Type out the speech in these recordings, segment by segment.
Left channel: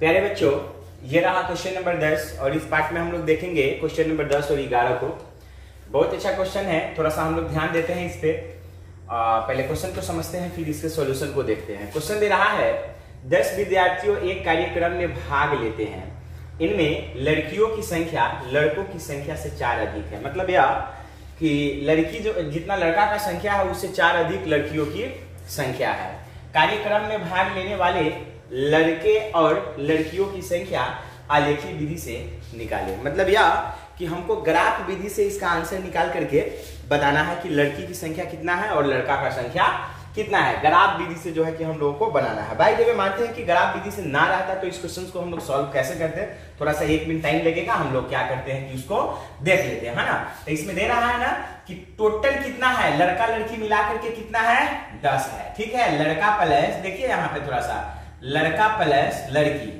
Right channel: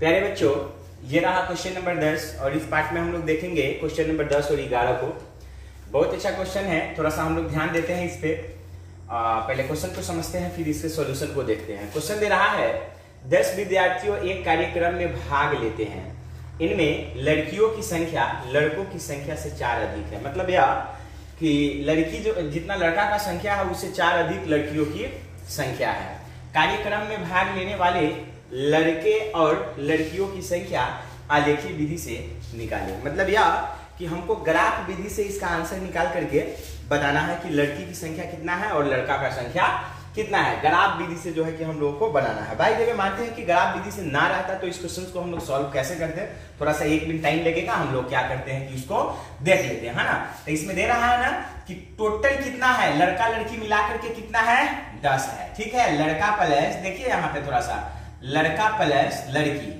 प्यारे बच्चों, ये रहा क्वेश्चन नंबर 10 और इस पार्ट में हम लोग देखेंगे क्वेश्चन नंबर 10 और 11 को। बहुत अच्छा क्वेश्चन है, थोड़ा सा हम लोग ध्यान देते हैं इस पे। पहले क्वेश्चन को समझते हैं, फिर इसके सॉल्यूशन को देखते हैं। क्वेश्चन दे रहा है 10 विद्यार्थियों एक कार्यक्रम में भाग लेते हैं। इनमें लड़कियों की संख्या लड़कों की संख्या से 4 अधिक है। मतलब यह कि लड़की जो जितना लड़का का संख्या है उससे 4 अधिक लड़कियों की संख्या है। कार्यक्रम में भाग लेने वाले लड़के और लड़कियों की संख्या आलेखीय विधि से निकाले। मतलब यह कि हमको ग्राफ विधि से इसका आंसर निकाल करके बताना है कि लड़की की संख्या कितना है और लड़का का संख्या कितना है। ग्राफ विधि से जो है कि हम लोगों को बनाना है। भाई जब मानते हैं कि ग्राफ विधि से ना रहता तो इस क्वेश्चन को हम लोग सॉल्व कैसे करते हैं, थोड़ा सा 1 मिनट टाइम लगेगा। हम लोग क्या करते हैं कि उसको देख लेते हैं, है ना। तो इसमें दे रहा है ना कि टोटल कितना है, लड़का लड़की मिलाकर के कितना है, 10 है। ठीक है, लड़का प्लस, देखिए यहाँ पे थोड़ा सा, लड़का प्लस लड़की,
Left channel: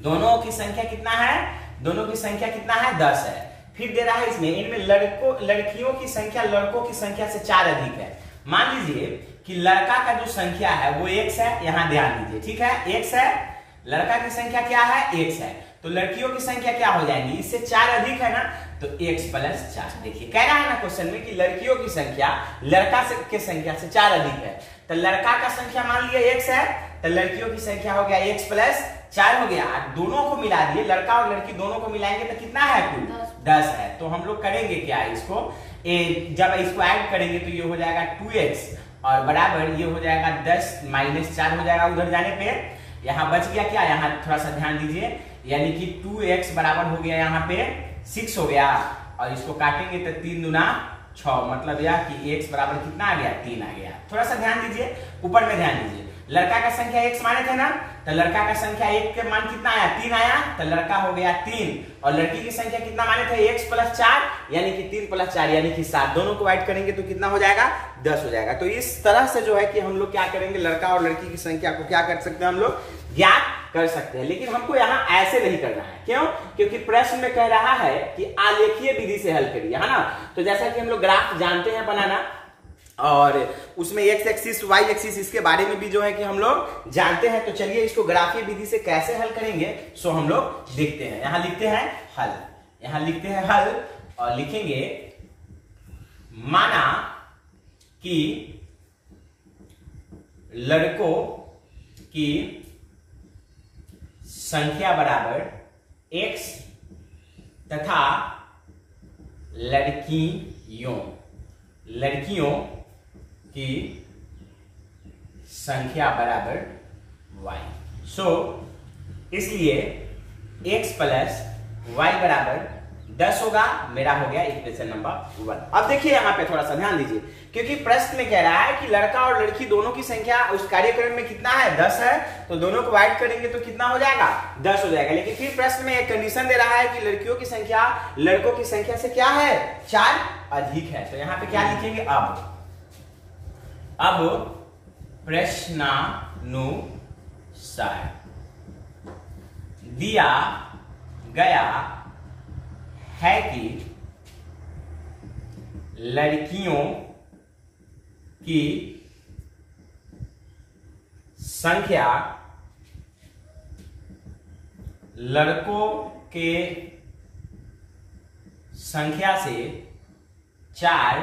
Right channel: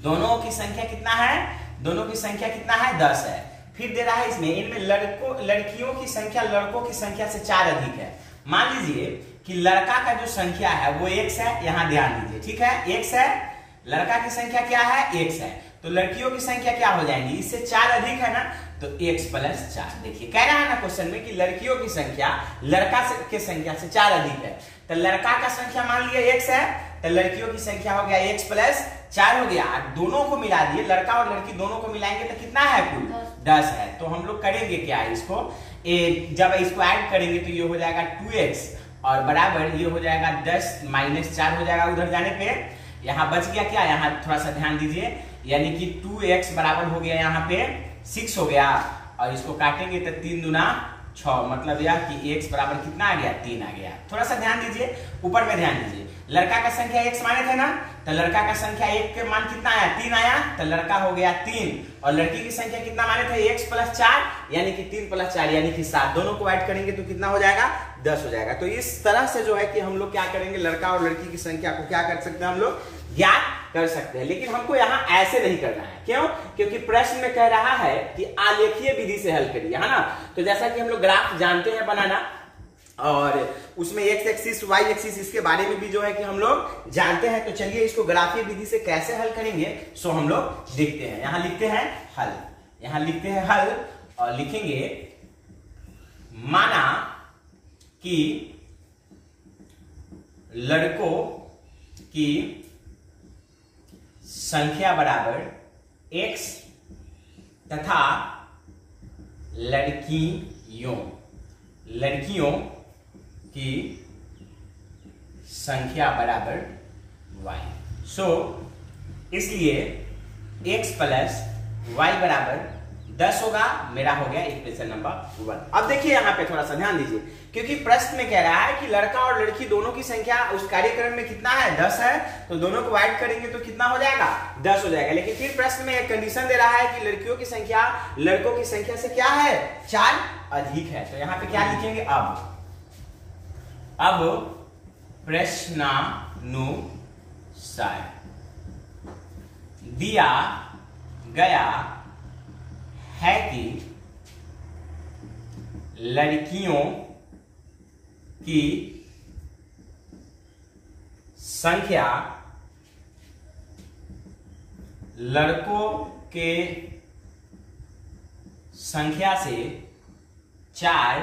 दोनों की संख्या कितना है, दोनों की संख्या कितना है, 10 है। फिर दे रहा है इसमें इनमें लड़कियों की संख्या लड़कों की संख्या से 4 अधिक है। मान लीजिए कि लड़का का जो संख्या है वो x है, यहां ध्यान दीजिए। ठीक है, x है, लड़का की संख्या क्या है, x है। तो लड़कियों की संख्या क्या हो जाएंगी, इससे 4 अधिक है ना, तो x प्लस 4। देखिए कह रहा है ना क्वेश्चन में कि लड़कियों की संख्या लड़का की संख्या से 4 अधिक है। तो लड़का का संख्या मान लिया x है, तो लड़कियों की संख्या हो गया x प्लस 4 हो गया। दोनों को मिला दिए, लड़का और लड़की दोनों को मिलाएंगे तो कितना है, कुल 10 है। तो हम लोग करेंगे क्या, इसको जब इसको ऐड करेंगे तो ये हो जाएगा 2x और बराबर ये हो जाएगा 10 माइनस 4 हो जाएगा उधर जाने पे। यहाँ बच गया क्या, यहाँ थोड़ा सा ध्यान दीजिए, यानी कि 2x बराबर हो गया यहाँ पे 6 हो गया। और इसको काटेंगे तो 3 दूना 6, मतलब यह कि x बराबर कितना आ गया, 3 आ गया। थोड़ा सा ध्यान दीजिए, ऊपर में ध्यान दीजिए। लड़का का संख्या x माने थे ना, तो लड़का का संख्या 1 के मान कितना आया, 3 आया, तो लड़का हो गया 3। और लड़की की संख्या कितना माने थे, x प्लस 4, यानी कि 3 प्लस 4 यानी कि 7। दोनों को ऐड करेंगे तो कितना हो जाएगा, 10 हो जाएगा। तो इस तरह से जो है कि हम लोग क्या करेंगे, लड़का और लड़की की संख्या को क्या कर सकते हैं, हम लोग ज्ञात कर सकते हैं। लेकिन हमको यहाँ ऐसे नहीं करना है। क्यों? क्योंकि प्रश्न में कह रहा है कि आलेखीय विधि से हल करिए, है ना। तो जैसा कि हम लोग ग्राफ जानते हैं बनाना, और उसमें x एक्सिस y एक्सिस इसके बारे में भी जो है कि हम लोग जानते हैं। तो चलिए इसको ग्राफीय विधि से कैसे हल करेंगे सो हम लोग देखते हैं। यहां लिखते हैं हल, यहां लिखते हैं हल और लिखेंगे माना कि लड़कों की संख्या बराबर x तथा लड़कियों की संख्या बराबर y। सो इसलिए x प्लस y बराबर 10 होगा, मेरा हो गया इक्वेशन नंबर 1। अब देखिए यहाँ पे थोड़ा सा ध्यान दीजिए, क्योंकि प्रश्न में कह रहा है कि लड़का और लड़की दोनों की संख्या उस कार्यक्रम में कितना है, 10 है। तो दोनों को ऐड करेंगे तो कितना हो जाएगा, 10 हो जाएगा। लेकिन फिर प्रश्न में एक कंडीशन दे रहा है कि लड़कियों की संख्या लड़कों की संख्या से क्या है, 4 अधिक है। तो यहाँ पे क्या लिखेंगे, अब प्रश्नानुसार दिया गया है कि लड़कियों की संख्या लड़कों के संख्या से 4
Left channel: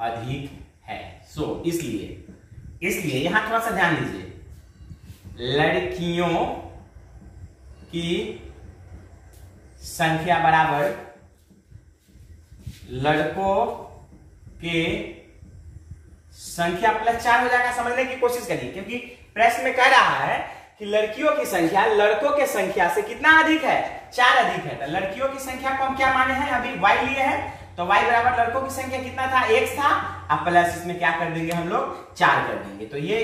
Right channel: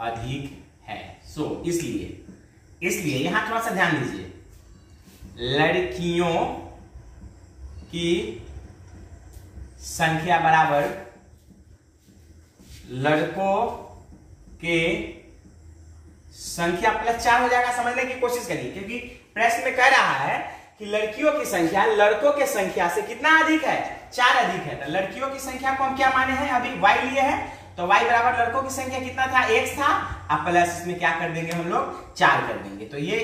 अधिक है। सो इसलिए यहां थोड़ा सा ध्यान दीजिए, लड़कियों की संख्या बराबर लड़कों के संख्या प्लस 4 हो जाएगा। समझने की कोशिश करिए, क्योंकि प्रश्न में कह रहा है कि लड़कियों की संख्या लड़कों के संख्या से कितना अधिक है, 4 अधिक है। तो लड़कियों की संख्या को हम क्या माने हैं, अभी y लिए हैं, तो y बराबर लड़कों की संख्या कितना था, x था। अब प्लस इसमें क्या कर देंगे, हम लोग 4 कर देंगे। तो ये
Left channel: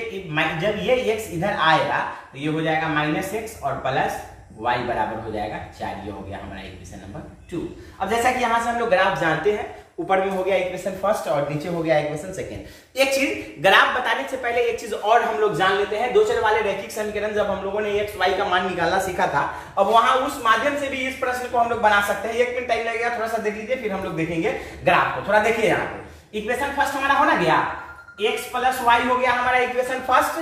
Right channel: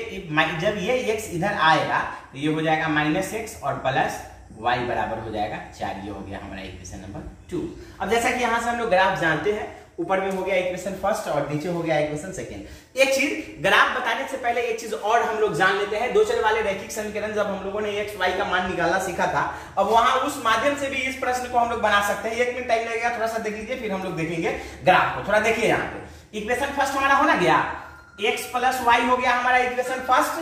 जब ये x इधर आएगा तो ये हो जाएगा -x और प्लस y बराबर हो जाएगा 4। ये हो गया हमारा इक्वेशन नंबर 2। अब जैसा कि यहां से हम लोग ग्राफ जानते हैं, ऊपर में हो गया इक्वेशन फर्स्ट और नीचे हो गया इक्वेशन सेकंड। एक चीज ग्राफ बताने से पहले एक चीज और हम लोग जान लेते हैं। दो चर वाले रैखिक समीकरण जब हम लोगों ने x y का मान निकालना सीखा था, अब वहां उस माध्यम से भी इस प्रश्न को हम लोग बना सकते हैं। 1 मिनट टाइम लगेगा, थोड़ा सा देख लीजिए, फिर हम लोग देखेंगे ग्राफ को। थोड़ा देखिए, यहाँ पे इक्वेशन फर्स्ट हमारा हो ना गया, x प्लस y हो गया हमारा इक्वेशन फर्स्ट,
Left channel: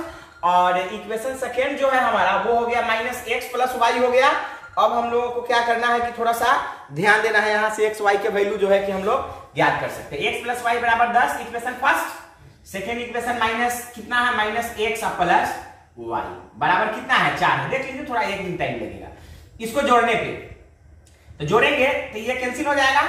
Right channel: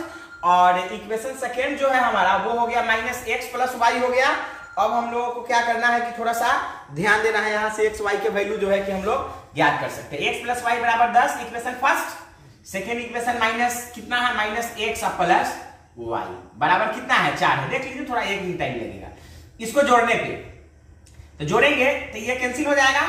और इक्वेशन सेकेंड जो है हमारा वो हो गया माइनस एक्स प्लस वाई हो गया। अब हम लोगों को क्या करना है कि थोड़ा सा ध्यान देना है, यहां से एक्स वाई के वैल्यू जो है कि हम लोग ज्ञात कर सकते हैं। एक्स प्लस वाई बराबर 10 equation first. Second equation minus कितना है, माइनस एक्स प्लस वाई बराबर कितना है 4 है। देख लीजिए थोड़ा एक दिन टाइम लगेगा इसको जोड़ने पे, तो जोड़ेंगे तो ये कैंसिल हो जाएगा,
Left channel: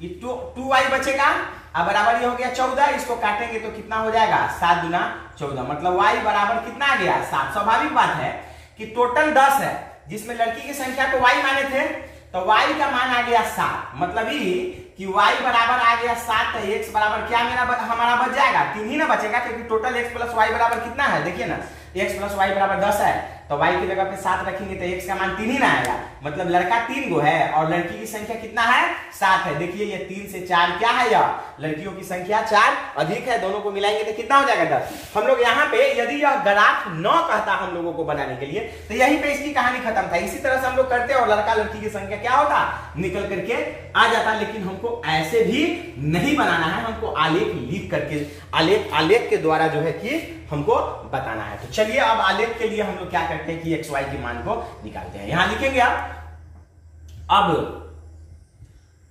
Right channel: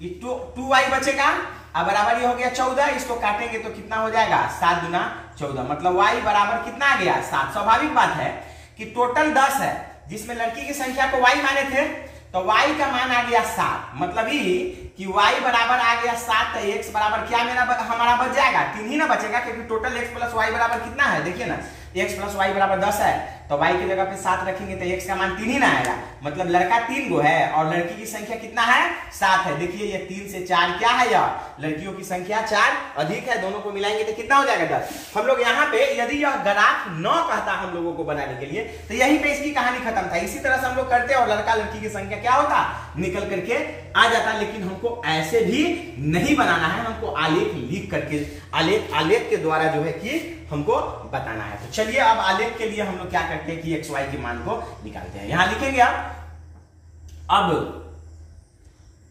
ये 2y बचेगा अब बराबर ये हो गया 14। इसको काटेंगे तो कितना हो जाएगा 7 गुना 14, मतलब y बराबर कितना आ गया 7। स्वाभाविक बात है कि टोटल 10 है जिसमें लड़की की संख्या को y माने थे, तो y का मान आ गया 7, मतलब ये कि y बराबर आ गया 7, तो x बराबर क्या हमारा बच जाएगा 3 ही ना बचेगा, क्योंकि टोटल x प्लस वाई बराबर कितना है देखिए ना, x प्लस वाई बराबर 10 है, तो y की जगह पे 7 रखेंगे तो x का मान 3 ही ना आएगा, मतलब लड़का 3 गो है और लड़की की संख्या कितना है 7 है। देखिए ये 3 से 4 क्या है, यह लड़कियों की संख्या 4 अधिक है, दोनों को मिलाएंगे तो कितना हो जाएगा 10। हम लोग यहाँ पे यदि यह ग्राफ 9 कहता हम लोगों को बनाने के लिए तो यहीं पे इसकी कहानी खत्म था। इसी तरह से हम लोग करते और लड़का लड़की की संख्या क्या होता निकल करके आ जाता, लेकिन हमको ऐसे भी नहीं बनाना है, हमको आलेख लिख करके आलेख के द्वारा जो है कि हमको बताना है। तो चलिए अब आलेख के लिए हम लोग क्या करते हैं कि एक्स वाई के मान को निकालते हैं। यहां लिखेंगे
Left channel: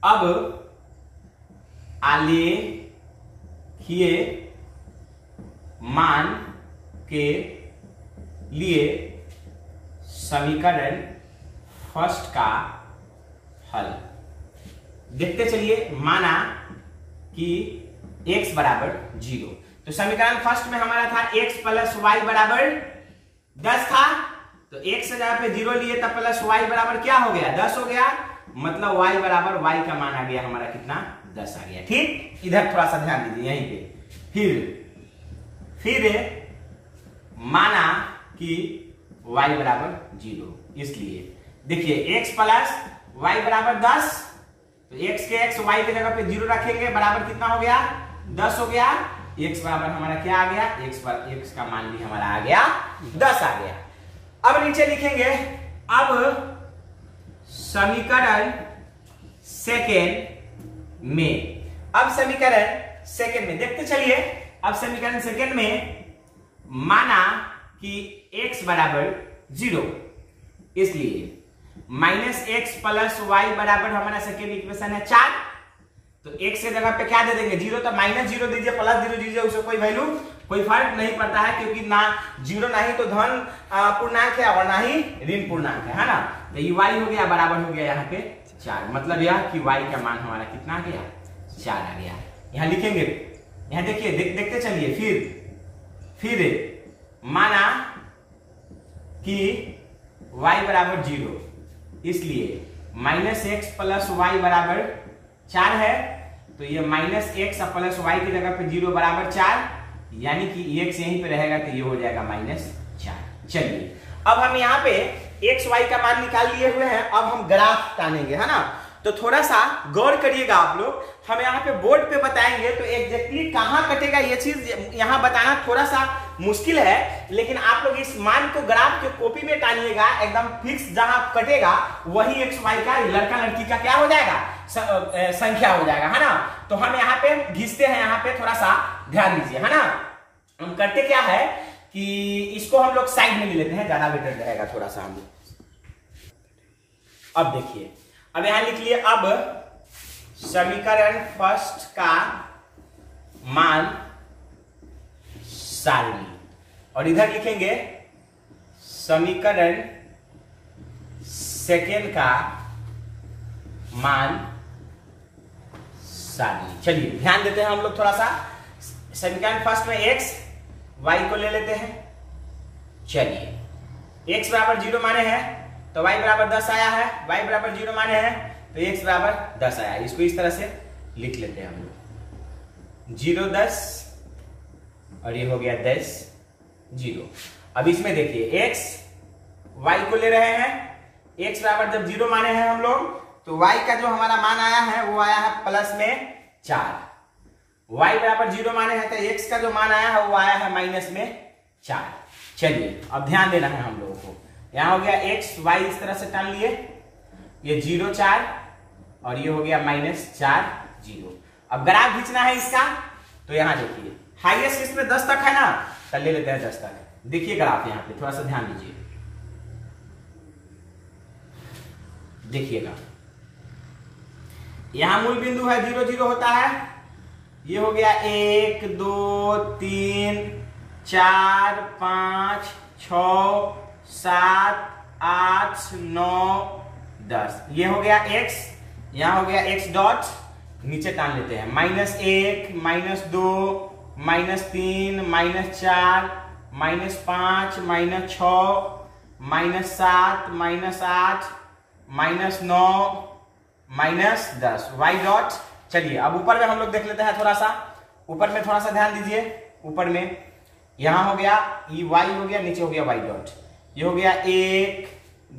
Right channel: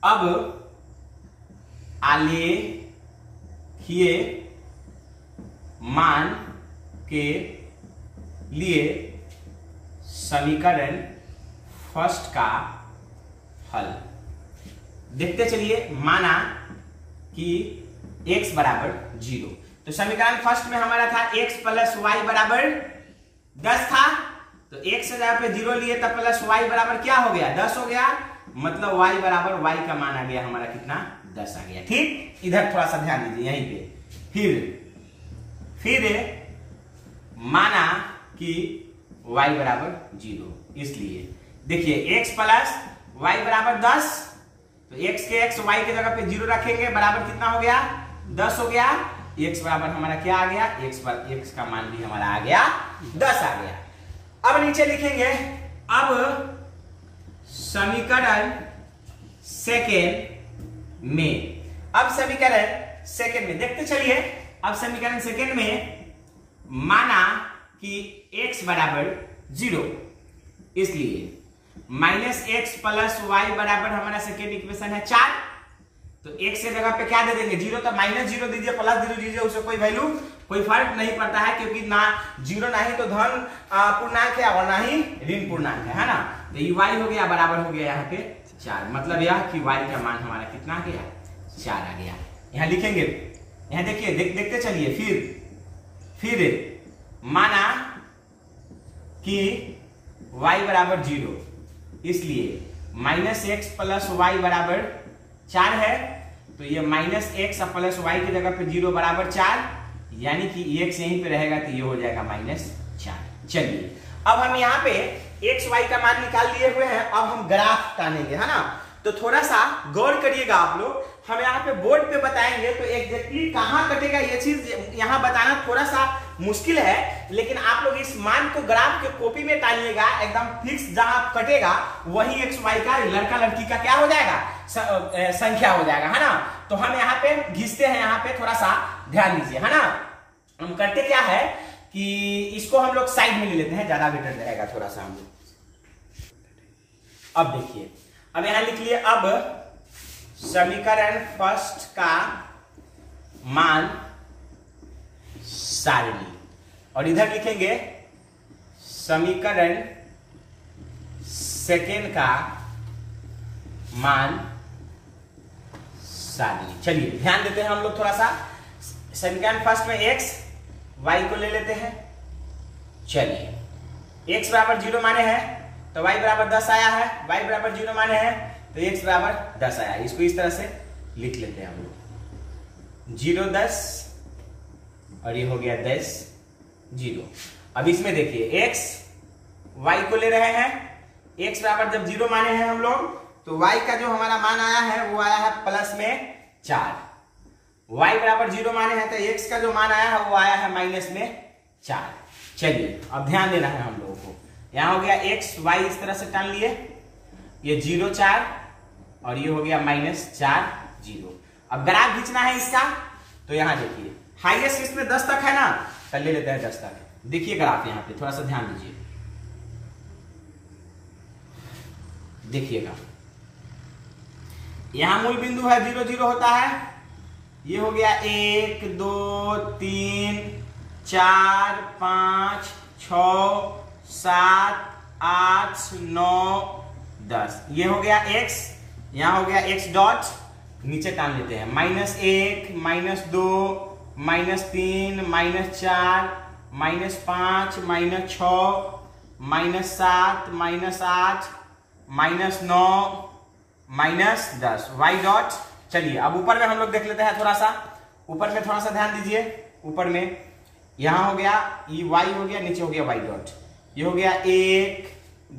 अब आलेखीय मान के लिए समीकरण फर्स्ट का हल देखते चलिए। माना कि x बराबर 0, तो समीकरण फर्स्ट में हमारा था x प्लस वाई बराबर 10 था, तो x से जगह पे 0 लिए तब प्लस y बराबर क्या हो गया 10 हो गया, मतलब y बराबर y का मान आ गया हमारा कितना 10 आ गया। ठीक, इधर थोड़ा सा ध्यान दीजिए यहीं पे। फिर माना कि y बराबर 0, इसलिए देखिए x प्लस वाई बराबर 10, तो x के x y के जगह पे 0 रखेंगे बराबर कितना हो गया 10 हो गया। x बराबर हमारा क्या आ गया x का मान भी हमारा आ गया 10 आ गया। अब नीचे लिखेंगे अब समीकरण सेकेंड में, अब समीकरण सेकेंड में देखते चलिए। अब समीकरण सेकेंड में माना कि x बराबर 0, इसलिए माइनस एक्स प्लस वाई बराबर हमारा सेकेंड इक्वेशन है 4, तो x के जगह पे क्या दे देंगे 0, तो माइनस 0 दीजिए प्लस 0 दीजिए, उससे कोई वैल्यू कोई फर्क नहीं पड़ता है, क्योंकि ना 0 ना ही तो धन पूर्णांक है और ना ही ऋण पूर्णांक है ना। तो ये y हो गया बराबर हो गया यहाँ पे 4, मतलब यह कि y का मान हमारा कितना आ गया 4 आ गया। यहाँ लिखेंगे, यहाँ देखिए देखते चलिए। फिर माना कि y बराबर 0, इसलिए माइनस एक्स प्लस वाई बराबर 4 है, तो ये माइनस एक्स प्लस वाई की जगह पे 0 बराबर 4, यानी कि x यहीं पे रहेगा तो ये हो जाएगा -4। चलिए अब हम यहाँ पे एक्स वाई का मान निकाल लिए हुए हैं, अब हम ग्राफ तानेंगे है ना, तो थोड़ा सा गौर करिएगा आप लोग। हम यहाँ पे बोर्ड पे बताएंगे तो एग्जैक्टली कहाँ कटेगा ये चीज यहाँ बताना थोड़ा सा मुश्किल है, लेकिन आप लोग इस मान को ग्राफ के कॉपी में टानिएगा, एकदम फिक्स जहां कटेगा वही एक्स वाई का लड़का लड़की का क्या हो जाएगा संख्या हो जाएगा है ना। तो हम यहाँ पे घिसते हैं, यहाँ पे थोड़ा सा ध्यान दीजिए है ना। हम करते क्या है कि इसको हम लोग साइड में ले लेते हैं, ज्यादा बेटर रहेगा थोड़ा सा हम। अब देखिए, अब यहां लिख लिए अब समीकरण फर्स्ट का मान सारणी, और इधर लिखेंगे समीकरण सेकेंड का मान सारणी। चलिए ध्यान देते हैं हम लोग थोड़ा सा। समीकरण फर्स्ट में x y को ले लेते हैं। चलिए x बराबर 0 माने हैं तो y बराबर 10 आया है, y बराबर 0 माने हैं तो x बराबर 10 आया। इसको इस तरह से लिख लेते हैं हम लोग, 0 10 और ये हो गया 10 0। अब इसमें देखिए x y को ले रहे हैं, x बराबर जब 0 माने हैं हम लोग तो y का जो हमारा मान आया है वो आया है प्लस में 4, y बराबर 0 माने हैं तो x का जो मान आया है वो आया है माइनस में 4। चलिए अब ध्यान देना है हम लोगों को, यहां हो गया x y इस तरह से टान लिए, ये 0 4 और ये हो गया -4 0। अब ग्राफ खींचना है इसका, तो यहां देखिए हाईएस्ट इसमें 10 तक है ना, तो ले लेते हैं 10 तक। देखिएगा आप यहाँ पे थोड़ा सा ध्यान दीजिए, देखिएगा यहां मूल बिंदु है 0 0 होता है, ये हो गया 1 2 3 4 5 6 7 8 9 10, ये हो गया x, यहां हो गया x डॉट, नीचे टान लेते हैं -1 -2 -3 -4 -5 -6 -7 -8 -9 -10 y डॉट। चलिए अब ऊपर में हम लोग देख लेते हैं, थोड़ा सा ऊपर में थोड़ा सा ध्यान दीजिए, ऊपर में यहां हो गया ये y हो गया, नीचे हो गया y डॉट, ये हो गया 1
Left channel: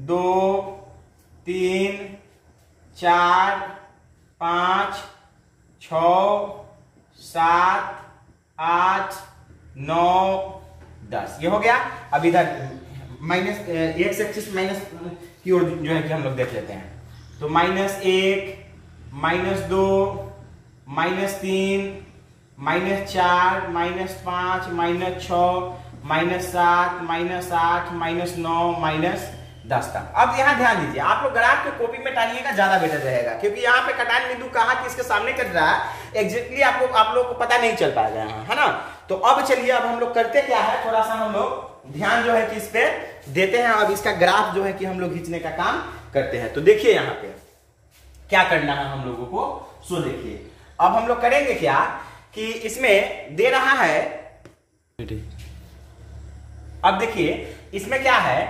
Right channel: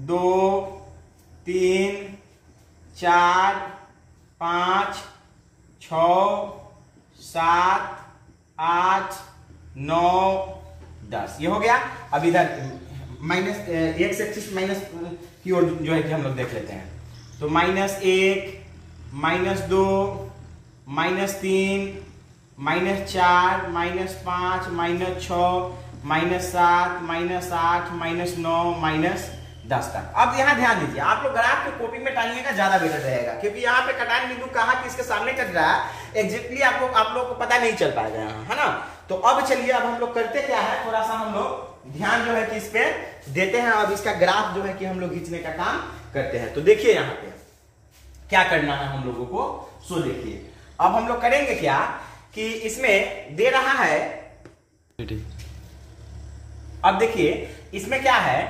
2 3 4 5 6 7 8 9 10, ये हो गया। अब इधर माइनस एक्स एक्सिस माइनस की ओर जो है कि हम लोग देख लेते हैं, तो -1 -2 -3 -4 -5 -6 -7 -8 -9 -10 तक। अब यहाँ ध्यान दीजिए, आप लोग ग्राफ को कॉपी में टानिएगा ज्यादा बेहतर रहेगा, क्योंकि यहाँ पे कटान बिंदु कहाँ किसके सामने कट रहा है एग्जैक्टली आप लोग को पता नहीं चल पाएगा यहाँ, है ना। तो अब चलिए, अब हम लोग करते क्या है, थोड़ा सा हम लोग ध्यान जो है कि इस पे देते हैं, अब इसका ग्राफ जो है कि हम लोग खींचने का काम करते हैं। तो देखिए यहाँ पे क्या करना है हम लोगों को, सो देखिए अब हम लोग करेंगे क्या कि इसमें दे रहा है, अब देखिए इसमें क्या है,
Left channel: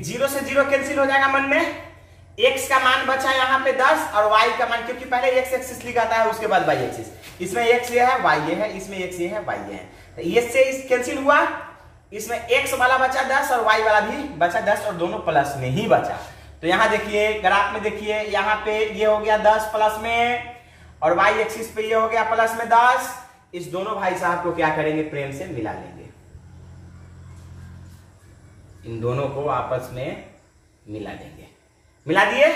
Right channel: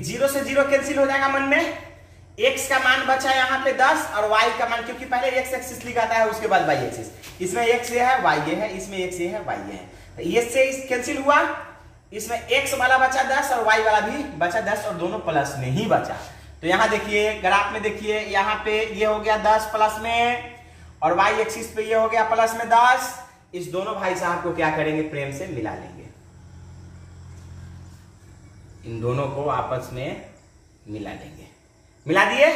0 से 0 कैंसिल हो जाएगा मन में, x का मान बचा यहाँ पे 10 और y का मान, क्योंकि पहले x एक्सिस लिखा था उसके बाद y एक्सिस, इसमें x ये है y ये है, इसमें x ये है y ये है, तो ये से इस कैंसिल हुआ, इसमें x वाला बचा 10 और y वाला भी बचा 10 और दोनों प्लस में ही बचा। तो यहाँ देखिए ग्राफ में देखिए, यहाँ पे ये हो गया 10 प्लस में और y एक्सिस पे ये हो गया प्लस में 10, इस दोनों भाई साहब को क्या करेंगे, प्रेम से मिला लेंगे, इन दोनों को आपस में मिला देंगे, मिला दिए।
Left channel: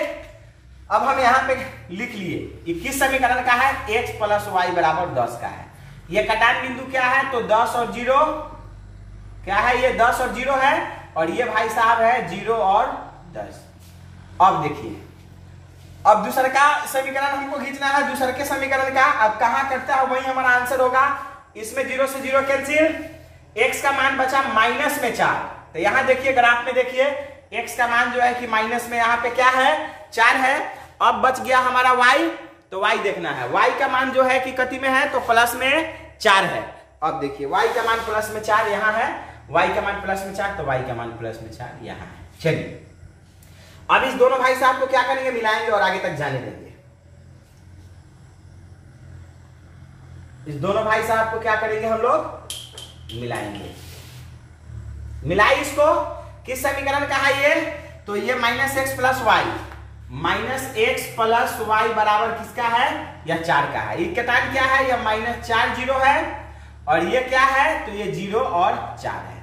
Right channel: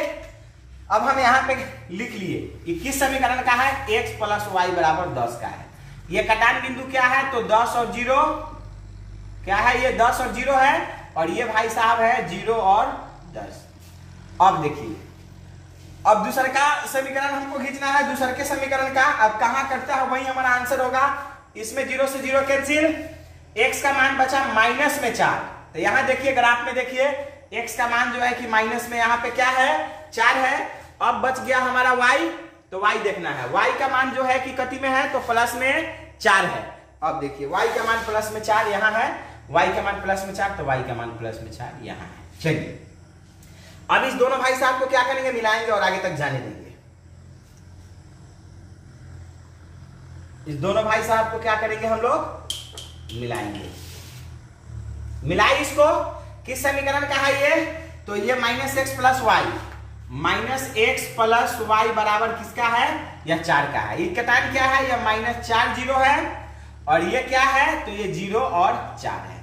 अब हम यहाँ पे लिख लिए ये किस समीकरण का है, x प्लस वाई बराबर 10 का है। ये कटान बिंदु क्या है, तो 10 और 0 क्या है, ये 10 और 0 है, और ये भाई साहब है 0 और 10। अब देखिए, अब दूसरे का समीकरण हमको खींचना है, दूसरे के समीकरण का, अब कहां कटता है वही हमारा आंसर होगा। इसमें 0 से 0 कैंसिल, x का मान बचा माइनस में 4, तो यहां देखिए ग्राफ में देखिए x का मान जो है कि माइनस में यहाँ पे क्या है, 4 है। अब बच गया हमारा y, तो y देखना है, y का मान जो है कि कति में है, तो प्लस में 4 है। अब देखिए y का मान प्लस में 4 यहाँ है, y का मान प्लस में 4, तो y का मान प्लस में 4 यहाँ है। चलिए अब इस दोनों भाई साहब को क्या करेंगे, मिलाएंगे और आगे तक जाने देंगे। इस दोनों भाई साहब को क्या करेंगे हम लोग, मिलाएंगे। मिलाई इसको, किस समीकरण का है ये, तो ये -x plus y, -x plus y बराबर किसका है, यह 4 का है। ये कटान क्या है, यह -4 0 है, और ये क्या है, तो ये 0 और 4 है।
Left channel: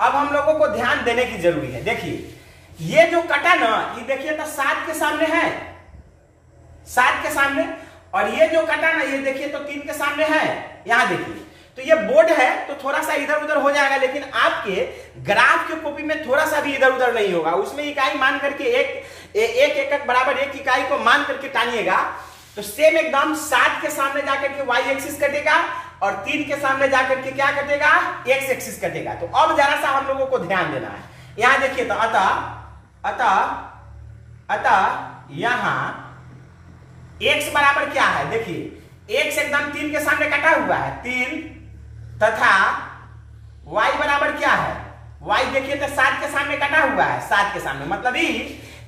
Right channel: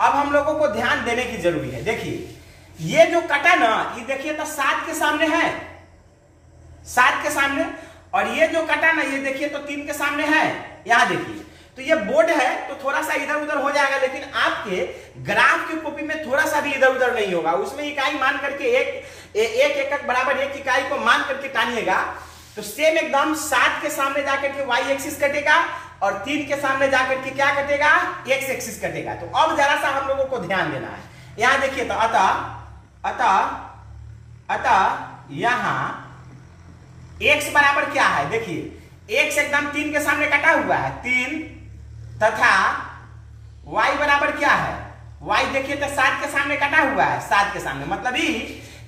अब हम लोगों को ध्यान देने की जरूरी है, देखिए ये जो कटा ना, ये देखिए तो 7 के सामने है, 7 के सामने, और ये जो कटा ना, ये देखिए तो 3 के सामने है। यहां देखिए, तो ये बोर्ड है तो थोड़ा सा इधर उधर हो जाएगा, लेकिन आपके ग्राफ की कॉपी में थोड़ा सा भी इधर उधर नहीं होगा। उसमें इकाई मान करके एक एकक बराबर 1 इकाई को मान करके टानिएगा, तो सेम एकदम 7 के सामने जाकर के y एक्सिस कटेगा और 3 के सामने जाकर के क्या कटेगा, x एक्सिस कटेगा। तो अब जरा सा हम लोगों को ध्यान देना है। यहां देखिए, तो अतः यहां x बराबर क्या है, देखिए x एकदम 3 के सामने कटा हुआ है 3, तथा y बराबर क्या है, y देखिए तो 7 के सामने कटा हुआ है, 7 के सामने, मतलब ये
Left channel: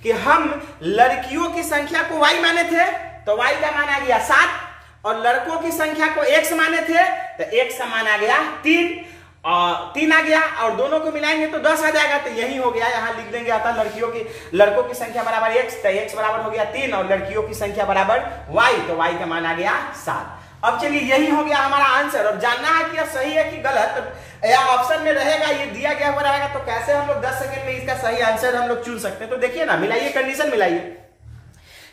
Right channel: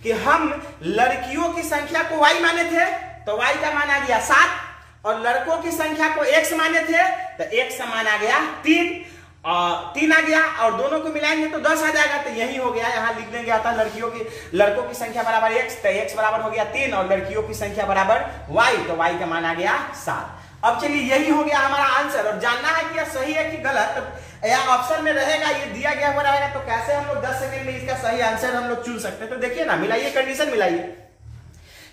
कि हम लड़कियों की संख्या को y माने थे तो y का मान आ गया 7, और लड़कों की संख्या को x माने थे तो x का मान आ गया 3 आ गया, और दोनों को मिलाएंगे तो 10 आ जाएगा। तो यही हो गया, यहां लिख देंगे आता लड़कों की संख्या बराबर x, तो x बराबर हो गया 3, और लड़कियों की संख्या बराबर y, तो y का मान आ गया 7। अब चलिए यही हो गया हमारा आंसर। और जानना है कि यह सही है कि गलत, या ऑप्शन में रहेगा, ये दिया गया हुआ रहेगा, तो कैसे हम लोग 10 सेकंड में इसका सही आंसर हम लोग चुन सकते हैं। तो देखिए ना, मिलाइए, कंडीशन मिलाइए।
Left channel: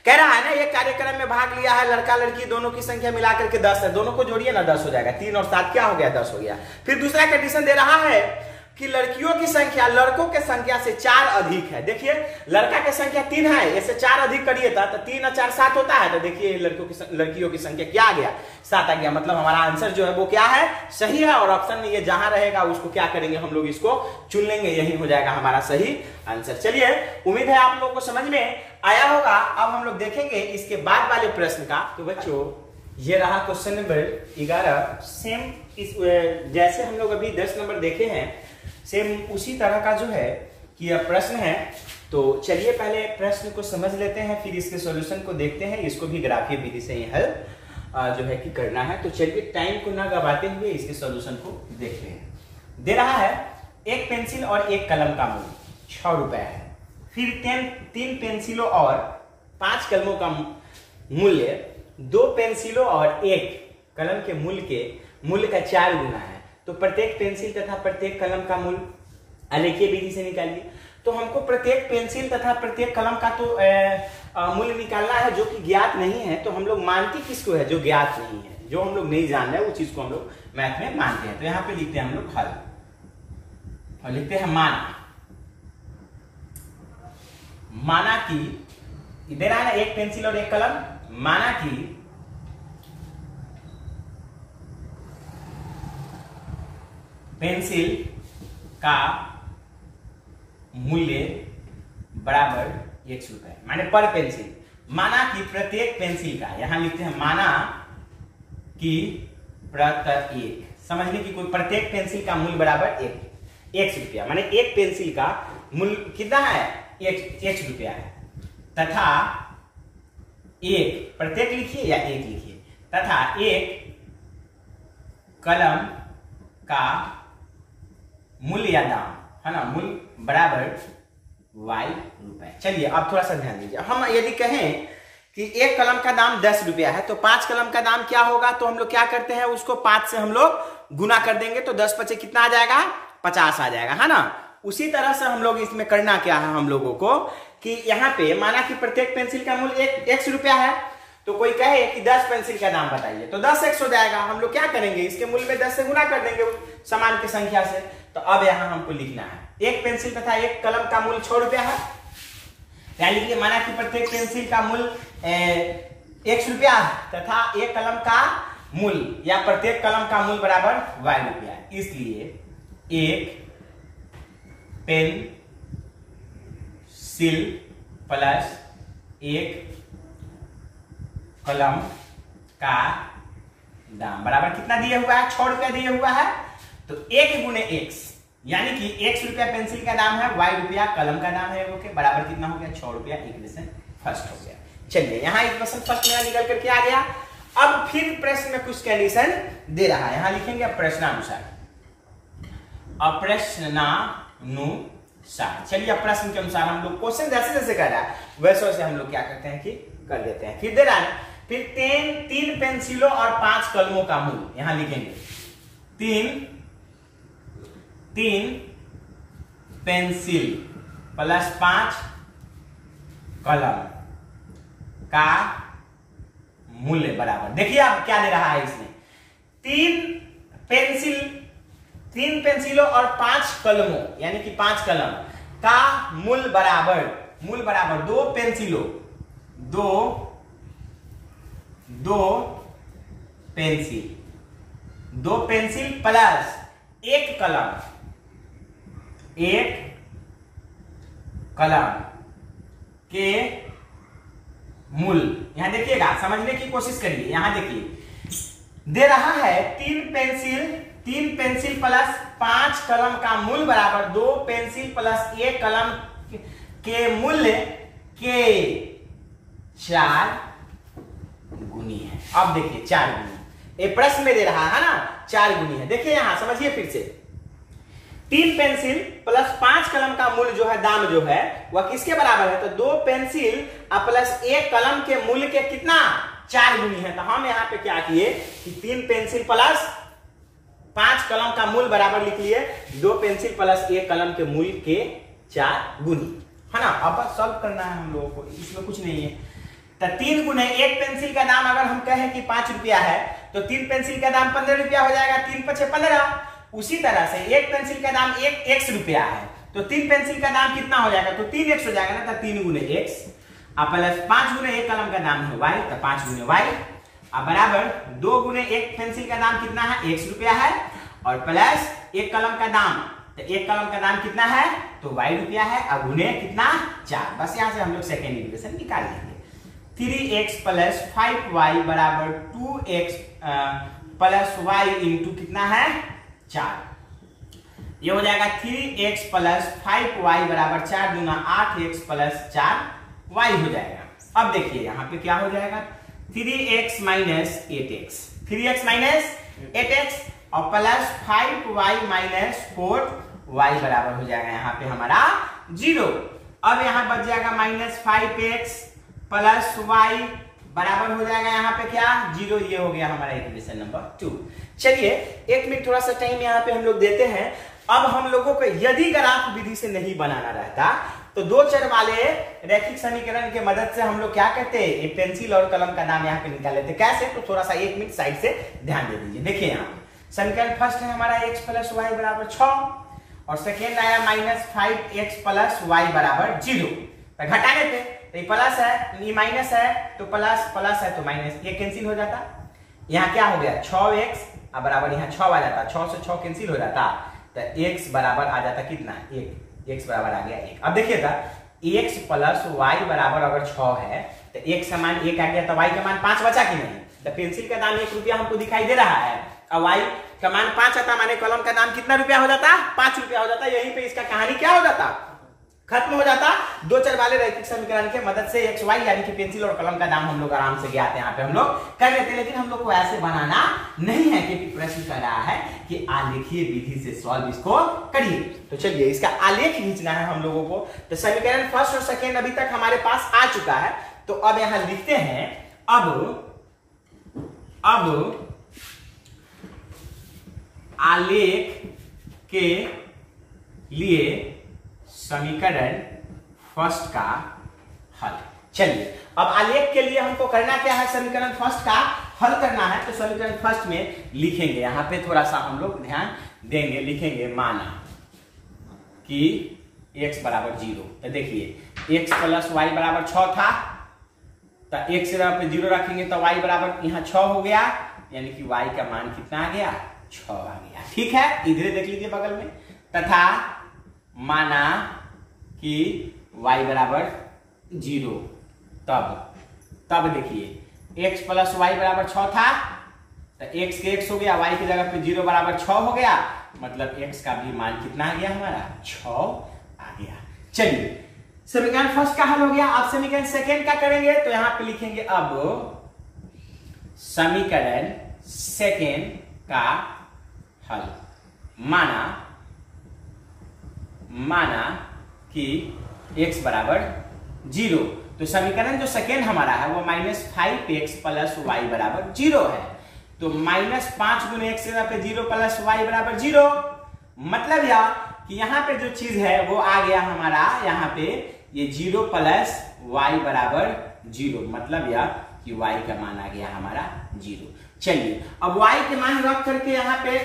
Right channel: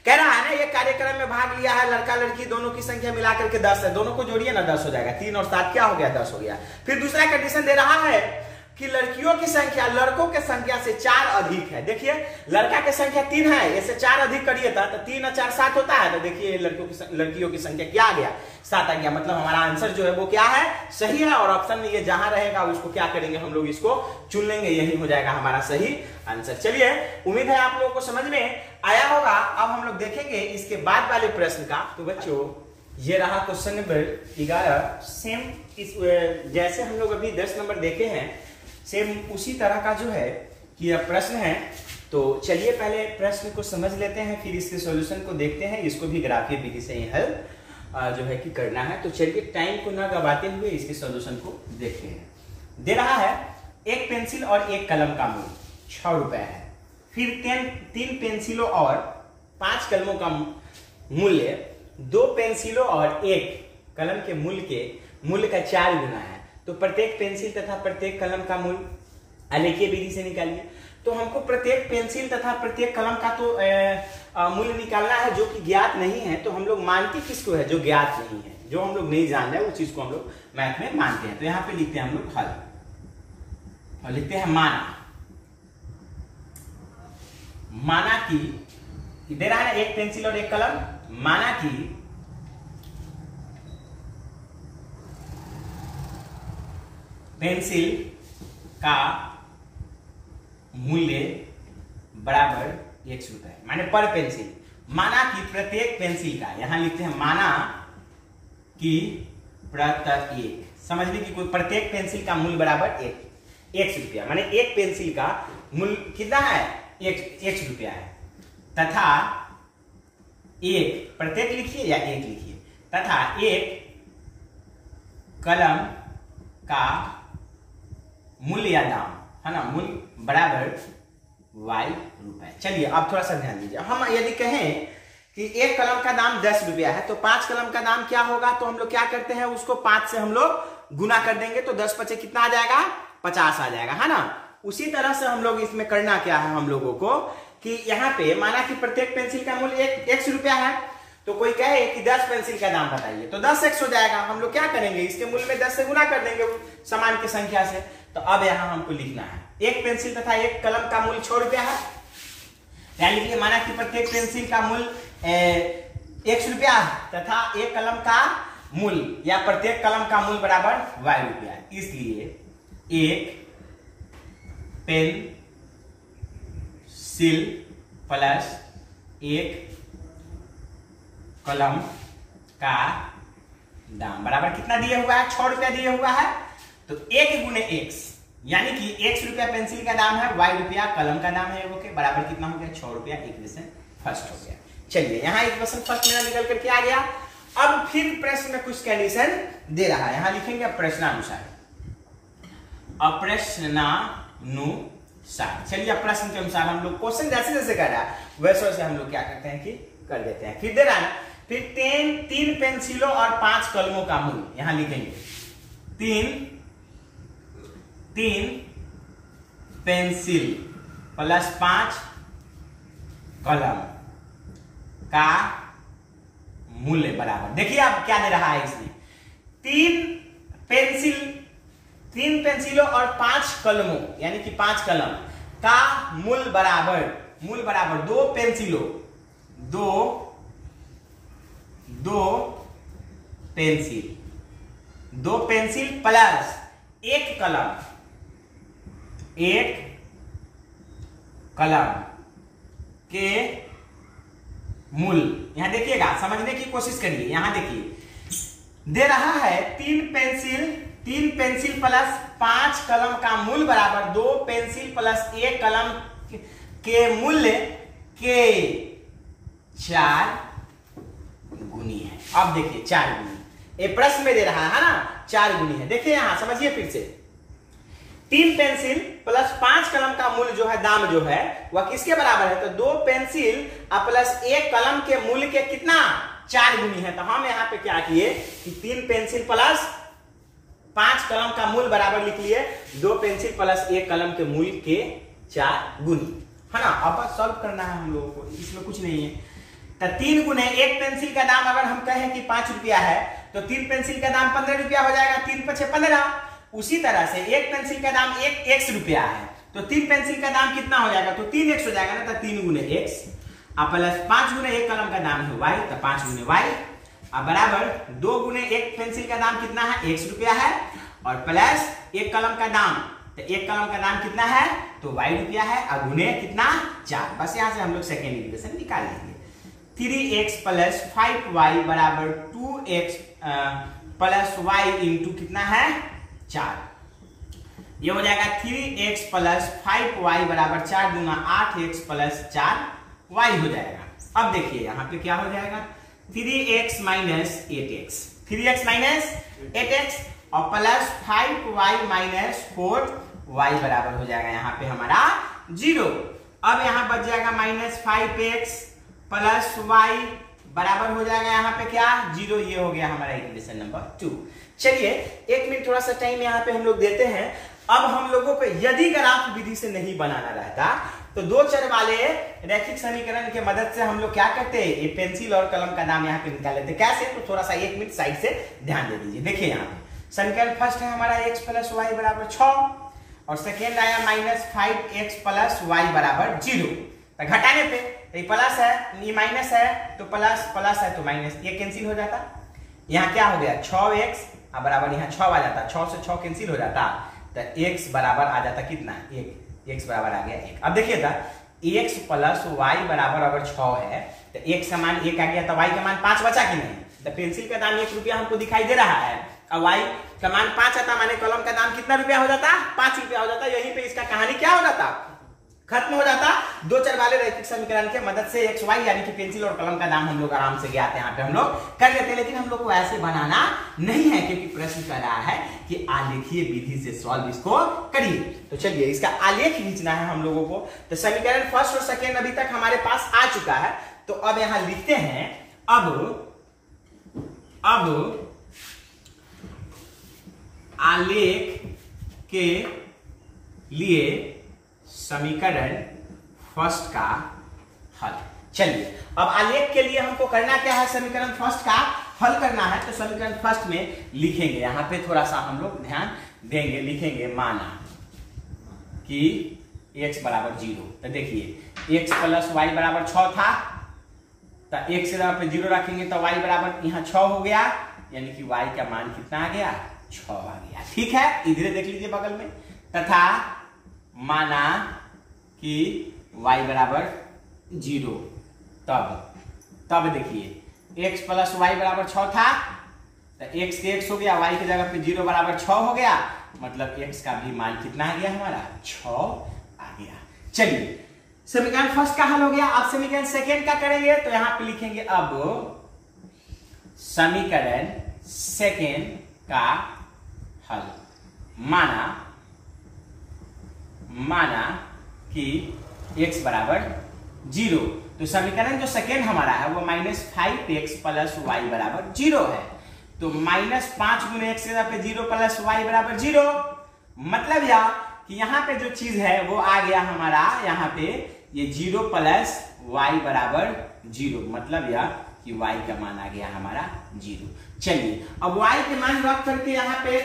कह रहा है ना, ये कार्यक्रम में भाग लिया है लड़का लड़की दोनों की संख्या मिलाकर के 10 है, दोनों को जोड़िए ना, 10 हो जाएगा, 3 और 7 क्या हो गया, 10 हो गया। फिर दूसरा कंडीशन दे रहा है, कि लड़कियों की संख्या लड़कों के संख्या से 4 अधिक है। देखिए लड़का की संख्या 3 है, ऐसे 4 अधिक करिए तो 3 और 4 7 होता है। तो देखिए लड़कियों की संख्या क्या आ गया, 7 आ गया। मतलब हमारा आंसर जो है वो क्या है, सही है। और ऑप्शन में ये जहां रहेगा उसको क्या करेंगे, हम लोग इसको चुन लेंगे, यही हो जाएगा हमारा सही आंसर। चलिए उम्मीद है आप लोगों को समझ में आया होगा। अब हम लोग देखेंगे इसके बाद वाले प्रश्न का। तो बच्चों ये रहा क्वेश्चन नंबर 11। सेम इस जैसे हम लोग अभी 10 नंबर देखे हैं, सेम उसी तरह का जो है कि यह प्रश्न है। तो चलिए पहले प्रश्न को समझ लेते हैं, फिर इसके सॉल्यूशन को देखते हैं। इसको भी ग्राफीय विधि से ही हल जो है कि करना है। तो चलिए टाइम को ना गवाते हुए इसके सॉल्यूशन को देखते हैं। दे रहा है एक पेंसिल और एक कलम का मूल्य 6 रुपए है। फिर 3 पेंसिलों और 5 कलमों का मूल्य 2 पेंसिलों और 1 कलम के मूल्य का 4 गुना है। तो प्रत्येक पेंसिल तथा प्रत्येक कलम का मूल्य आलेखीय विधि से निकालिए। तो हमको प्रत्येक पेंसिल तथा प्रत्येक कलम का तो मूल्य निकालना है जो कि ज्ञात नहीं है। तो हम लोग मानते किसको है, जो ज्ञात नहीं है, जो हम लोग नहीं जान रहे, उस चीज को हम लोग मैथ में मानते हैं। तो यहाँ पे लिखते हैं हम लोग हल, और लिखते हैं माना कि दे रहा है ना एक पेंसिल और एक कलम। माना कि पेंसिल का मूल्य बराबर 100 रुपए, माने पर पेंसिल। माना कि प्रत्येक पेंसिल का, यहां लिखते हैं माना कि प्रत्येक, समझने की कोई, प्रत्येक पेंसिल का मूल्य बराबर 100 रुपया, माने एक पेंसिल का मूल्य कितना है, 100 रुपया है। तथा एक, प्रत्येक लिखिए या एक लिखिए, तथा एक कलम का मूल्य या दाम है ना, मूल्य बराबर y रुपए। चलिए अब थोड़ा सा ध्यान दीजिए। हम यदि कहें कि एक कलम का दाम 10 रुपया है, तो 5 कलम का दाम क्या होगा, तो हम लोग क्या करते हैं, उसको 5 से हम लोग गुना कर देंगे। तो 10 पचे कितना आ जाएगा, 50 आ जाएगा, है ना। उसी तरह से हम लोग इसमें करना क्या है हम लोगों को, कि यहाँ पे माना कि प्रत्येक पेंसिल का मूल्य 100 रुपया है। तो कोई कहे कि 10 पेंसिल का दाम बताइए, तो 10 100 हो जाएगा। हम लोग क्या करेंगे, इसके मूल्य में 10 से गुना कर देंगे समान की संख्या से। तो अब यहाँ हमको लिखना है एक पेंसिल तथा एक कलम का मूल्य 6 रुपया है। यानी कि माना कि प्रत्येक पेंसिल का मूल्य 100 रुपया तथा एक कलम का मूल्य या प्रत्येक कलम का मूल्य बराबर y रुपया। इसलिए एक पेंसिल प्लस एक कलम का दाम बराबर कितना दिया हुआ है, 6 रुपया दिया हुआ है। तो 1 गुने x, यानी कि 100 रुपया पेंसिल का दाम है, y रुपया कलम का दाम है, ओके, बराबर कितना हो गया, 6 रुपया। इक्वेशन फर्स्ट हो गया। चलिए यहाँ इक्वेशन फर्स्ट मेरा निकल करके आ गया। अब फिर प्रश्न में कुछ कंडीशन दे रहा है, यहां लिखेंगे प्रश्नानुसार, अप्रश्नानुसार। चलिए अब प्रश्न के अनुसार हम लोग क्वेश्चन जैसे जैसे कर रहा है वैसे वैसे हम लोग क्या करते हैं कि कर देते हैं। फिर दे रहा है, फिर 3 पेंसिलों और 5 कलमों का मूल्य, यहां लिखेंगे 3 पेंसिल प्लस 5 कलम का मूल्य बराबर, देखिए अब क्या दे रहा है इसमें, 3 पेंसिलों और 5 कलमों, यानी कि 5 कलम का मूल्य बराबर 2 पेंसिलों, 2 पेंसिल प्लस 1 कलम, 1 कलम के मूल्य। यहां देखिएगा, समझने की कोशिश करिए। यहां देखिए दे रहा है 3 पेंसिल प्लस 5 कलम का मूल्य बराबर 2 पेंसिल प्लस 1 कलम के मूल्य के 4 गुनी है। अब देखिए 4 गुनी, ये प्रश्न में दे रहा है ना, 4 गुनी है। देखिए यहां समझिए फिर से, 3 पेंसिल प्लस 5 कलम का मूल्य जो है, दाम जो है वह किसके बराबर है, तो 2 पेंसिल प्लस 1 कलम के मूल्य के कितना, 4 गुनी है। तो हम यहाँ पे क्या किए कि 3 पेंसिल प्लस 5 कलम का मूल्य बराबर लिख लिए 2 पेंसिल प्लस 1 कलम के मूल्य के 4 गुनी, है ना। अब सॉल्व करना है हम लोगों को, इसमें कुछ नहीं है। तो 3 गुने, एक पेंसिल का दाम अगर हम कहें कि 5 रुपया है, तो 3 पेंसिल का दाम 15 रुपया हो जाएगा, 3 पचे 15। उसी तरह से एक पेंसिल का दाम x रुपया है, तो 3 पेंसिल का दाम कितना हो जाएगा, तो 3x हो जाएगा ना, तो 3 गुने x प्लस 5 गुने एक कलम का दाम है y, तो 5 गुने y अब बराबर 2 गुने एक पेंसिल का दाम कितना है, x रुपया है, और प्लस एक कलम का दाम, तो एक कलम का दाम कितना है, तो y रुपया है, और गुने कितना 4। बस यहां से हम लोग सेकेंड इक्वेशन निकाल लेंगे। 3x प्लस 5y बराबर 2x प्लस y इंटू कितना है 4। ये हो जाएगा 3x प्लस 5y बराबर 4 गुना 8x प्लस 4y हो जाएगा। अब देखिए यहाँ पे क्या हो जाएगा, 3x minus 8x, 3x minus 8x और प्लस 5y माइनस 4y बराबर हो जाएगा यहाँ पे हमारा 0। अब यहाँ बच जाएगा माइनस 5x प्लस y बराबर हो जाएगा यहाँ पे क्या 0। ये हो गया हमारा इक्वेशन नंबर 2। चलिए एक मिनट थोड़ा सा टाइम यहाँ पे हम लोग देते हैं। अब हम लोगों को यदि ग्राफ विधि से नहीं बनाना रहता तो दो चर वाले रैखिक समीकरण के मदद से हम लोग क्या करते हैं, ये पेंसिल और कलम का दाम यहाँ पे निकाल लेते। कैसे, तो थोड़ा सा एक मिनट साइड से ध्यान दे दीजिए। देखिए यहाँ पे समीकरण फर्स्ट है हमारा x प्लस वाई बराबर 6 और सेकेंड आया माइनस 5x प्लस वाई बराबर 0। तो घटाने पे तो ये प्लस है, ये माइनस है, तो प्लस प्लस है तो माइनस, ये कैंसिल हो जाता। यहाँ क्या हो गया 6x अब बराबर यहाँ 6 आ जाता, 6 से 6 कैंसिल हो जाता, तो x बराबर आ जाता कितना 1, x बराबर आ गया 1। अब देखिए था x प्लस वाई बराबर अगर 6 है तो x का मान 1 आ गया, तो y का मान 5 बचा कि नहीं। तो पेंसिल का दाम 1 रुपया हमको दिखाई दे रहा है, अब y का मान 5 आता, माने कलम का दाम कितना रुपया हो जाता 5 रुपया हो जाता। यहीं पे इसका कहानी क्या हो जाता, खत्म हो जाता। दो चर वाले रैखिक समीकरण के मदद से x y यानी कि पेंसिल और कलम का दाम हम लोग आराम से ज्ञात है यहाँ पे हम लोग कर लेते हैं। लेकिन हम लोग को ऐसे बनाना नहीं है क्योंकि प्रश्न कर रहा है कि आलेखीय विधि से सॉल्व इसको करिए। तो चलिए इसका आलेख खींचना है हम लोगों को। तो समीकरण फर्स्ट और सेकेंड अभी तक हमारे पास आ चुका है, तो अब यहां लिखते हैं अब आलेख के लिए समीकरण फर्स्ट का हल। चलिए अब आलेख के लिए हमको करना क्या है, समीकरण फर्स्ट का हल करना है। तो समीकरण फर्स्ट में लिखेंगे, यहां पे थोड़ा सा हम लोग ध्यान देंगे, लिखेंगे माना कि x बराबर 0। तो देखिए x प्लस वाई बराबर 6 था, तो x से पे 0 रखेंगे तो y बराबर यहाँ 6 हो गया, यानी कि y का मान कितना आ गया 6 आ गया। ठीक है, इधर देख लीजिए बगल में, तथा माना कि y बराबर 0, तब देखिए x प्लस वाई बराबर 6 था, तो x के x हो गया, y की जगह पे 0 बराबर 6 हो गया, मतलब x का भी मान कितना आ गया हमारा 6 आ गया। चलिए समीकरण फर्स्ट का हल हो गया। अब समीकरण सेकेंड का करेंगे, तो यहां पे लिखेंगे अब समीकरण सेकेंड का हल। माना कि x बराबर 0, तो समीकरण जो सेकेंड हमारा है वो माइनस 5x प्लस वाई बराबर 0 है। तो माइनस 5 गुने x पे 0 प्लस वाई बराबर 0, मतलब यह कि यहाँ पे जो चीज है वो आ गया हमारा यहाँ पे ये 0 प्लस वाई बराबर 0, मतलब यह कि y का मान आ गया हमारा 0। चलिए अब y के मान रख करके यहाँ पे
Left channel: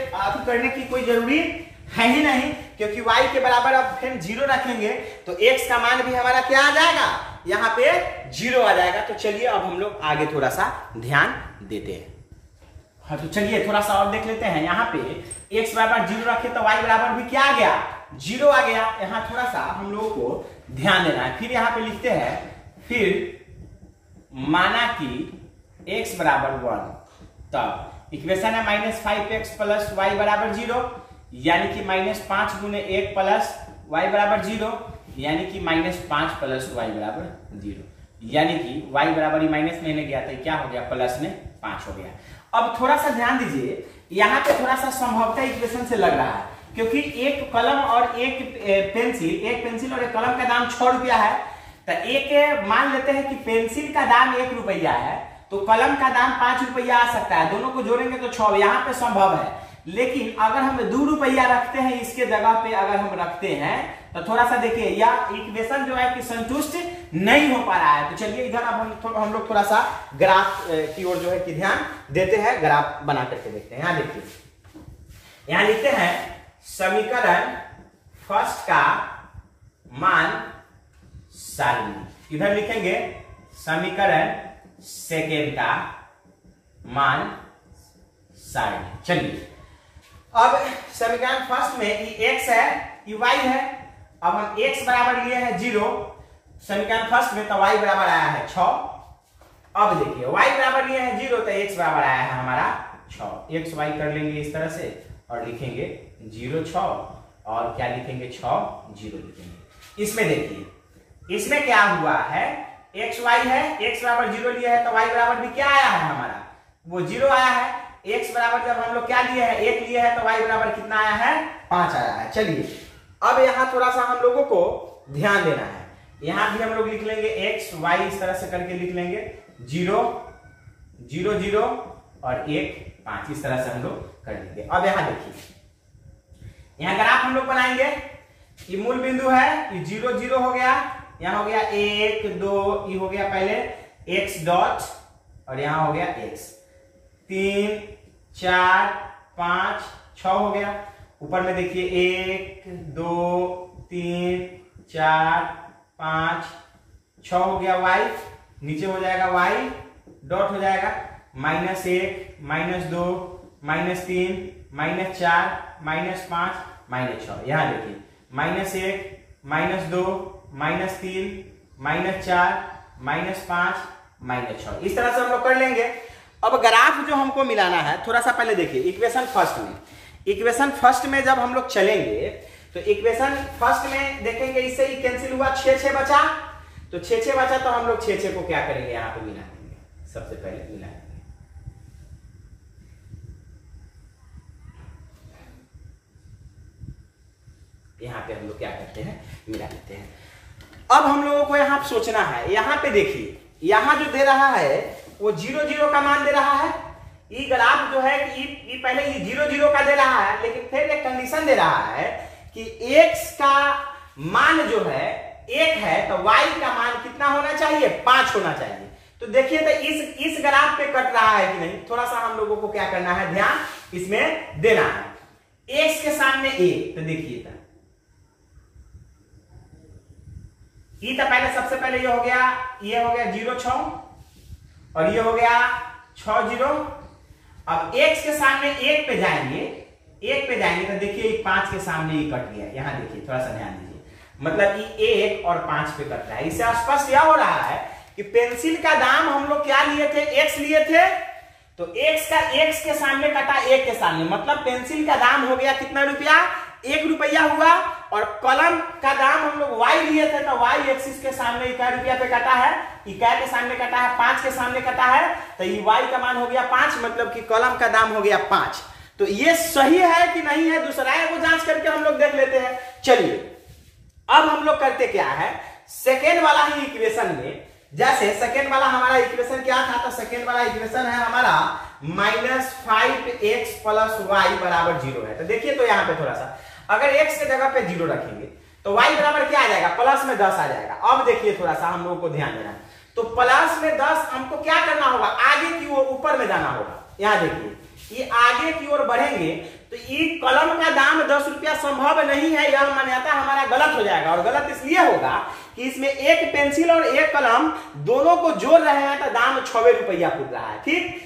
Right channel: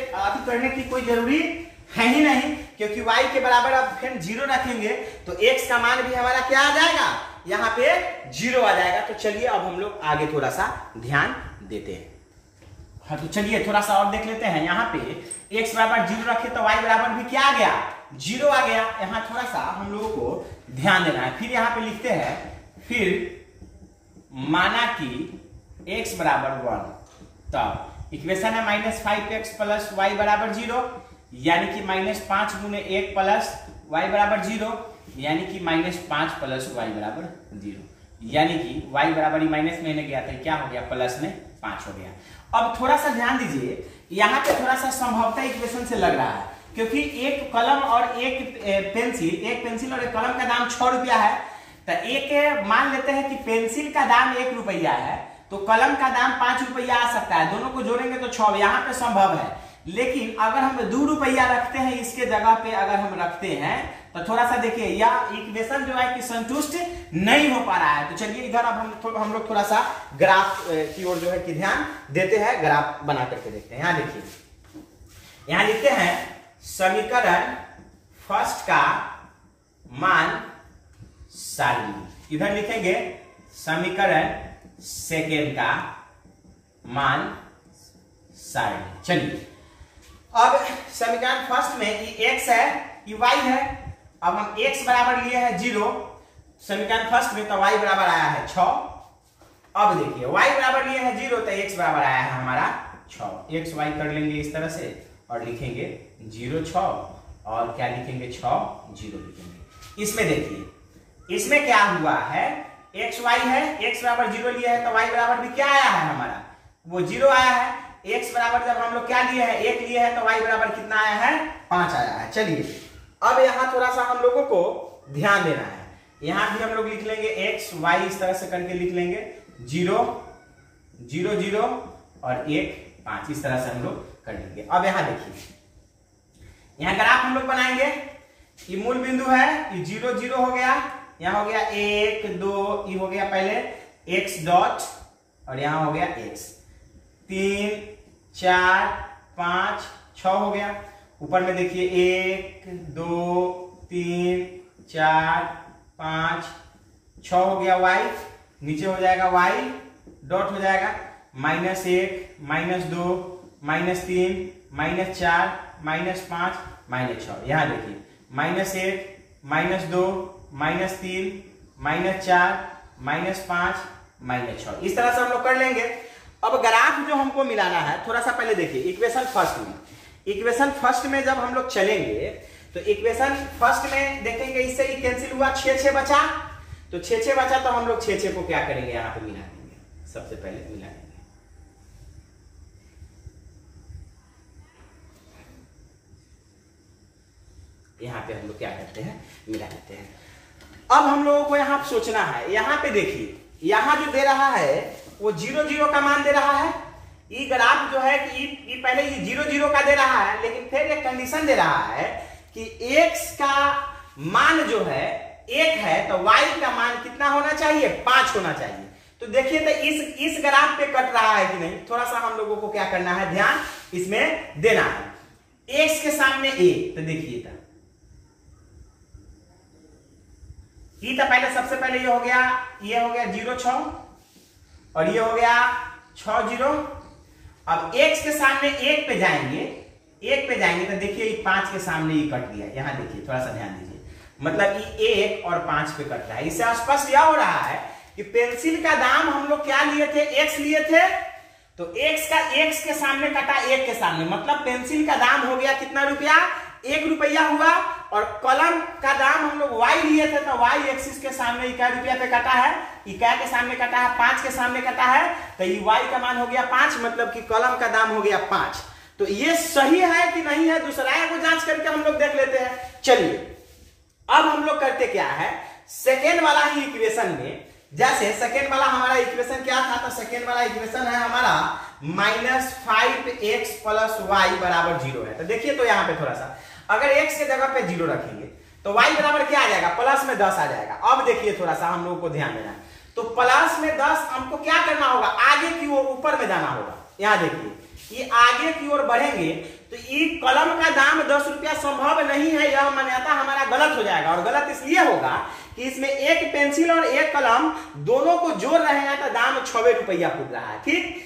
करने की कोई जरूरी है ही नहीं, क्योंकि y के बराबर अब फिर 0 रखेंगे तो x का मान भी हमारा क्या आ जाएगा, यहाँ पे 0 आ जाएगा। तो चलिए अब हम लोग आगे थोड़ा सा ध्यान देते हैं। हाँ, तो चलिए थोड़ा सा और देख लेते हैं। यहाँ पे x बराबर 0 रखे तो y बराबर भी क्या आ गया 0 आ गया। यहाँ थोड़ा सा हम लोगों को ध्यान देना है। फिर यहाँ पे लिखते हैं, फिर माना कि x बराबर 1, तब इक्वेशन है माइनस 5x प्लस वाई बराबर 0, यानी कि माइनस 5 गुने 1 प्लस वाई बराबर 0, यानी कि माइनस 5 प्लस वाई बराबर 0, यानी कि वाई बराबर ही माइनस में गया था, क्या हो गया प्लस में 5 हो गया। अब थोड़ा सा ध्यान दीजिए, यहाँ पे थोड़ा सा संभवतः इक्वेशन से लग रहा है, क्योंकि एक कलम और एक पेंसिल और एक कलम का दाम 6 रुपया है। तो एक मान लेते हैं कि पेंसिल का दाम 1 रुपया है, तो कलम का दाम 5 रुपया आ सकता है, दोनों को जोड़ेंगे तो 6, यहाँ पे संभव है। लेकिन अगर हम 2 रुपया रखते हैं इसके जगह पे, अगर हम रखते हैं तो थोड़ा सा देखिए यह इक्वेशन जो है कि संतुष्ट नहीं हो पा रहा है। तो चलिए इधर अब हम लोग थोड़ा सा ग्राफ की ओर जो है कि ध्यान देते हैं, ग्राफ बना करके देखते हैं। यहाँ देखिए यहां लिखते हैं समीकरण फर्स्ट का मान सारणी, इधर लिखेंगे समीकरण सेकेंड का मान सारणी। चलिए अब समीकरण फर्स्ट में ये x है, ये y है। अब हम x बराबर लिए हैं 0 समीकरण फर्स्ट में, तो y बराबर आया है 6। अब देखिए y बराबर लिए हैं 0 तो x बराबर आया है हमारा 6। x y कर लेंगे इस तरह से और लिखेंगे 0 6 और क्या लिखेंगे 6 0 लिखेंगे। इसमें देखिए इसमें क्या हुआ है, x y है, x बराबर 0 लिया है तो y बराबर भी क्या आया है हमारा, वो 0 आया है। x बराबर जब हम लोग क्या लिए हैं 1 लिए हैं तो y बराबर कितना आया है 5 आया है। चलिए अब यहाँ थोड़ा सा हम लोगों को ध्यान देना है, यहाँ भी हम लोग लिख लेंगे x y इस तरह से करके लिख लेंगे 0 0 0 और 1 5 इस तरह से हम लोग कर लेंगे। अब यहाँ देखिए यहाँ ग्राफ हम लोग बनाएंगे, ये मूल बिंदु है, ये 0 0 हो गया, यहाँ हो गया 1 2, ये हो गया पहले x डॉट और यहाँ हो गया x, 3 4 5 6 हो गया। ऊपर में देखिए 1 2 3 4 5 6 हो गया y, नीचे हो जाएगा y डॉट हो जाएगा -1 -2 -3 -4 -5 -6। यहाँ देखिए -1 -2 -3 -4 -5 -6 इस तरह से हम लोग कर लेंगे। अब ग्राफ जो हमको मिलाना है, थोड़ा सा पहले देखिए इक्वेशन फर्स्ट में, इक्वेशन फर्स्ट में जब हम लोग चलेंगे तो इक्वेशन फर्स्ट में देखेंगे इससे ही कैंसिल हुआ, 6 6 बचा, तो 6 6 बचा तो हम लोग 6 6 को क्या करेंगे यहाँ पे मिला देंगे, सबसे पहले मिला देंगे। यहाँ पे हम लोग क्या करते हैं मिला देते हैं। अब हम लोगों को यहाँ सोचना है, यहाँ पे देखिए यहाँ जो दे रहा है वो 0 0 का मान दे रहा है। ये ग्राफ जो है कि ये पहले ये 0 0 का दे रहा है, लेकिन फिर एक कंडीशन दे रहा है कि x का मान जो है 1 है तो y का मान कितना होना चाहिए 5 होना चाहिए। तो देखिए तो इस ग्राफ पे कट रहा है कि नहीं, थोड़ा सा हम लोगों को क्या करना है ध्यान इसमें देना है। x के सामने 1 तो देखिए था ये तो पहले सबसे पहले ये हो गया 0 6 और ये हो गया 6 0। अब x के सामने 1 पे जाएंगे तो देखिए 5 के सामने ये कट गया। यहाँ देखिए थोड़ा सा ध्यान दीजिए, मतलब ये 1 और 5 पे कट रहा है। इससे स्पष्ट यह हो रहा है कि पेंसिल का दाम हम लोग क्या लिए थे, x लिए थे, तो x के सामने कटा 1 के सामने, मतलब पेंसिल का दाम हो गया कितना रुपया 1 रुपया हुआ। और कलम का दाम हम लोग y लिए थे तो y एक्सिस के सामने इकाई रुपया पे कटा है, इकाई के सामने कटा है, 5 के सामने कटा है, तो ये y का मान हो गया 5, मतलब कि कलम का दाम हो गया 5। तो ये सही है कि नहीं है दूसरा को जांच करके हम लोग देख लेते हैं। चलिए अब हम लोग करते क्या है, सेकेंड वाला ही इक्वेशन में, जैसे सेकेंड वाला हमारा इक्वेशन क्या था, तो सेकेंड वाला इक्वेशन है हमारा -5x + y बराबर 0 है। तो देखिए तो यहाँ पे थोड़ा सा अगर x के जगह पे 0 रखेंगे तो y बराबर क्या आ जाएगा, प्लस में 10 आ जाएगा। अब देखिए थोड़ा सा हम लोगों को ध्यान देना है, तो प्लस में 10 हमको क्या करना होगा, आगे की ओर ऊपर में जाना होगा। यहाँ देखिए ये आगे की ओर बढ़ेंगे तो ये कलम का दाम 10 रुपया संभव नहीं है, यह मान्यता हमारा गलत हो जाएगा। और गलत इसलिए होगा कि इसमें एक पेंसिल और एक कलम दोनों को जोड़ रहे हैं तो दाम 6 रुपया फूट रहा है। ठीक,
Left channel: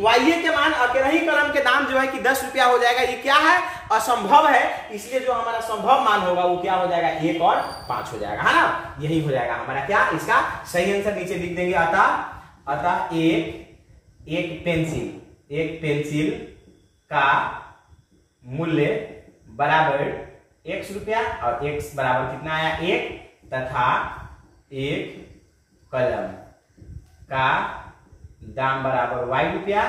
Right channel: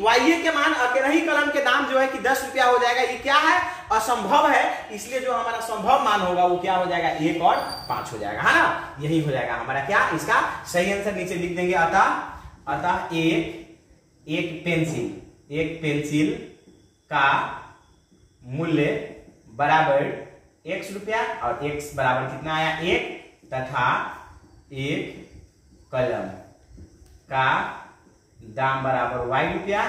वाई के मान अकेला ही कलम के दाम जो है कि 10 रुपया हो जाएगा, ये क्या है असंभव है। इसलिए जो हमारा संभव मान होगा वो क्या हो जाएगा 1 और 5 हो जाएगा, है ना। यही हो जाएगा हमारा क्या, इसका सही आंसर नीचे लिख देंगे। अतः एक पेंसिल का मूल्य बराबर x रुपया और x बराबर कितना आया 1, तथा एक कलम का दाम बराबर y रुपया,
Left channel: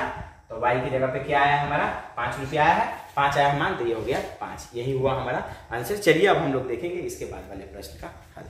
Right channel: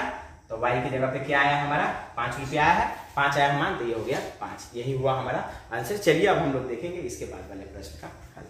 तो y की जगह पे क्या आया है हमारा 5 रुपया आया है, 5 आया है मान, तो ये हो गया 5। यही हुआ हमारा आंसर। चलिए अब हम लोग देखेंगे इसके बाद वाले प्रश्न का हल।